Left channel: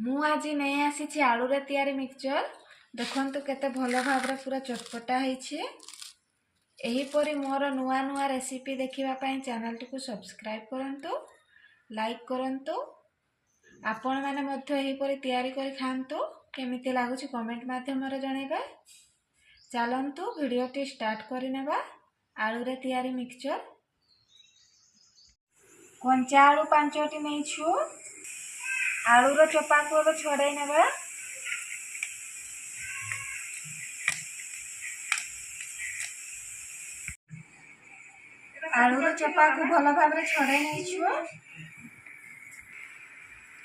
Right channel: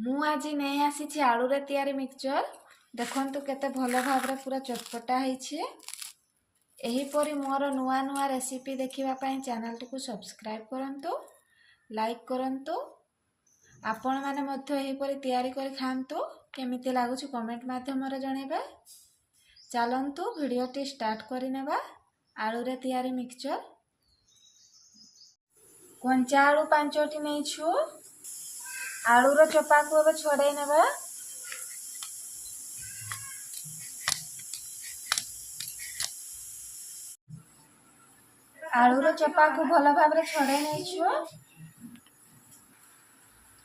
ମୁଁ ଆଜି ନେଇ ଆସିଛି ଆଳୁରେ ତିଆରି ମିକ୍ସଚର। ଦେଖନ୍ତୁ କେତେ ଭଲ ଭାବରେ ପୁରା ଚଟପଟା ହେଇଛି। ଏହିପରି ମୋର ନୂଆ ନୂଆ ରେସିପି ଦେଖିବା ପାଇଁ ଚ୍ୟାନେଲଟିକୁ ସବସ୍କ୍ରାଇବ୍ କରନ୍ତୁ, ଲାଇକ୍ କରନ୍ତୁ। ଆପଣମାନେ ମଧ୍ୟ ଏହିପରି ତିଆରି କରି ଖାଆନ୍ତୁ। କେମିତି ଲାଗୁଛି କମେଣ୍ଟ ମାଧ୍ୟମରେ ଜଣାଇବେ। ଚାଲନ୍ତୁ ଭିଡ଼ିଓଟି ଷ୍ଟାର୍ଟ କରିନେବା। ଆଳୁରେ ତିଆରି ମିକ୍ସଚର। କଞ୍ଚା ଆଳୁ 5ଟି ନେଇଛୁ। ଆଳୁର ଚୋପାକୁ ଏବେ ଛଡ଼େଇ ନେବା। ଆଳୁର ଚୋପାକୁ ଭଲ ଭାବରେ ଛଡ଼େଇ ନେଇଛୁ।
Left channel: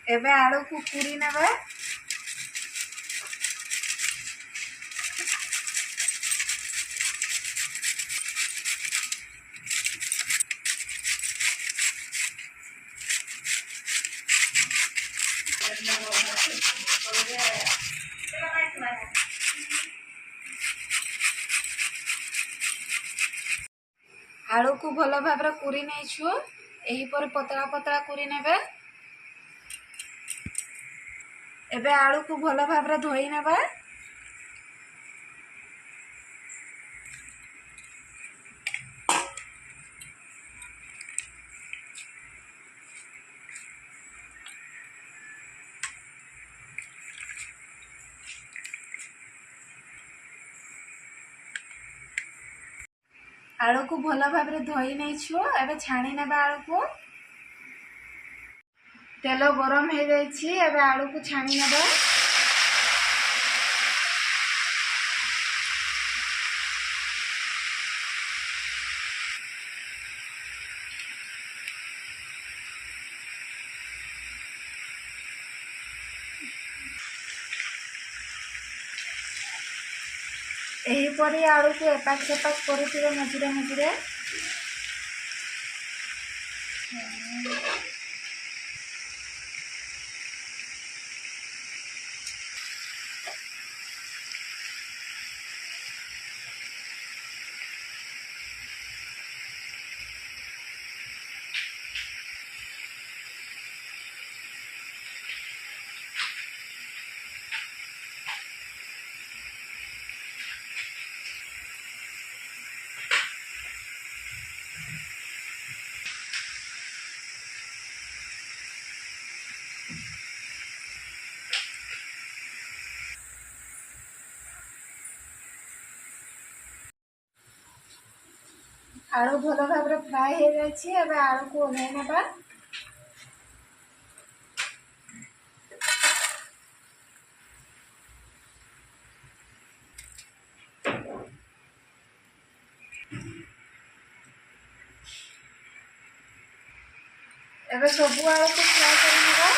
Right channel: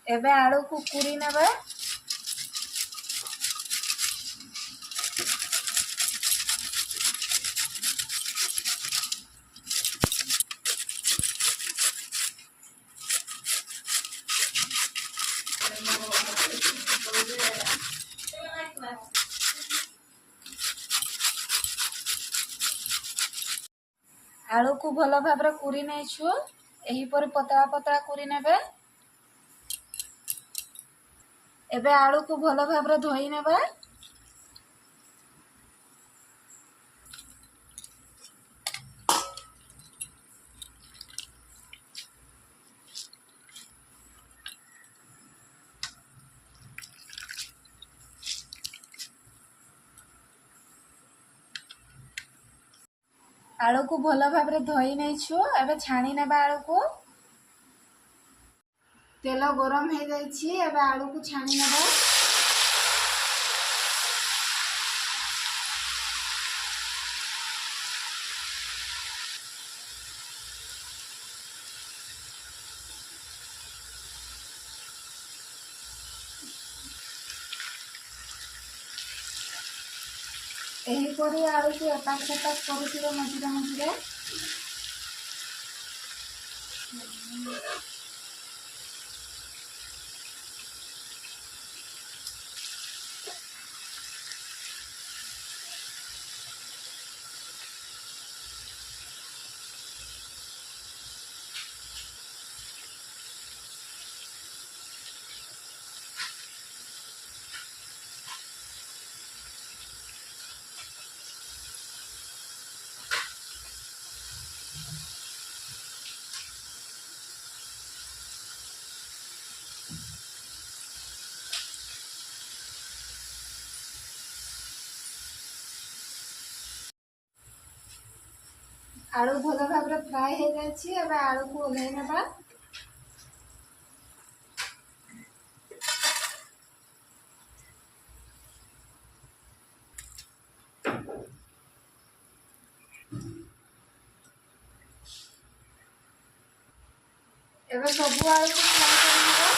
ଏବେ ଆଳୁକୁ କୁରି ନେବା। ଆଳୁକୁ ଭଲ ଭାବରେ କୁରି ନେଇଛୁ। ଏହିପରି ପତଳା ପତଳା କୁରି ନେବେ। ଏବେ ଆଳୁକୁ ଭଲ ଭାବରେ ଧୋଇ ନେବା। ଆଳୁକୁ ଭଲ ଭାବରେ ଧୋଇ ନେଇଛୁ। ଏବେ ଛାଣି ନେବା ଆଳୁକୁ। ତେଲ ଗରମ ହେଇଯାଇଛି। ଏବେ ଆଳୁକୁ ଛାଣି ନେବା। ଏହିପରି ଆଳୁକୁ ଏପାଖ ସେପାଖ କରୁଥିବେ ମଝିରେ ମଝିରେ। ଆଳୁ ଭଲ ଭାବରେ ଫ୍ରାଏ ହେଇଯାଇଛି। ଏବେ ଆଳୁକୁ ଓହ୍ଲାଇ ନେବା। ଏବେ ସବୁ ଆଳୁକୁ ଫ୍ରାଏ କରିନେବା।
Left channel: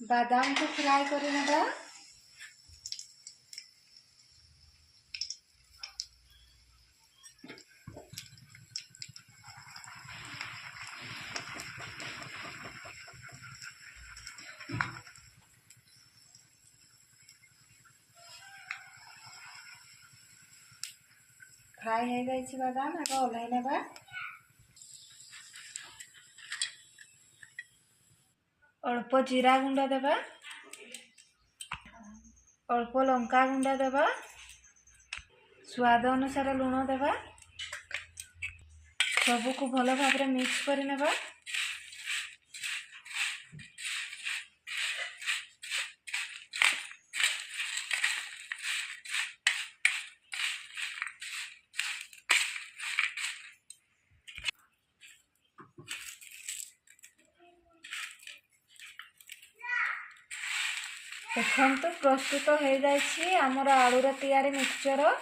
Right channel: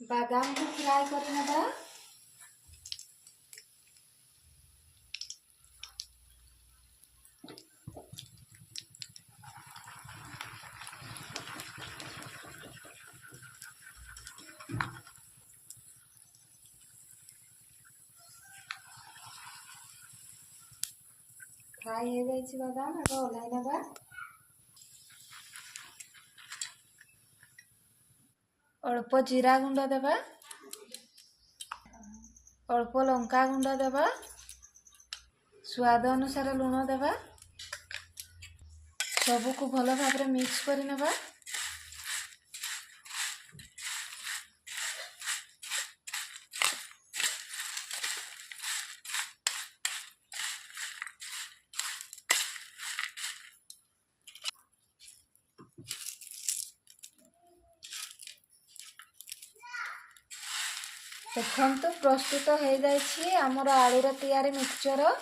ବାଦାମକୁ ଫ୍ରାଏ କରିନେବା। ଫ୍ରାଏ ହେଇଯାଇଛି ବାଦାମ। ଏବେ ଓହ୍ଲାଇ ନେବା। ଅଳ୍ପ ଜିରା ଗୁଣ୍ଡ ଦେବା। ଅଳ୍ପ ଲଙ୍କା ଗୁଣ୍ଡ ଦେବା। ସ୍ୱାଦ ଅନୁସାରେ ଲୁଣ ଦେବା। ସବୁକୁ ଭଲ ଭାବରେ ମିକ୍ସ କରି ନେବା। ଦେଖନ୍ତୁ ପ୍ରସ୍ତୁତ ହେଇଯାଇଛି ଆମର ଆଳୁର ତିଆରି ମିକ୍ସଚର।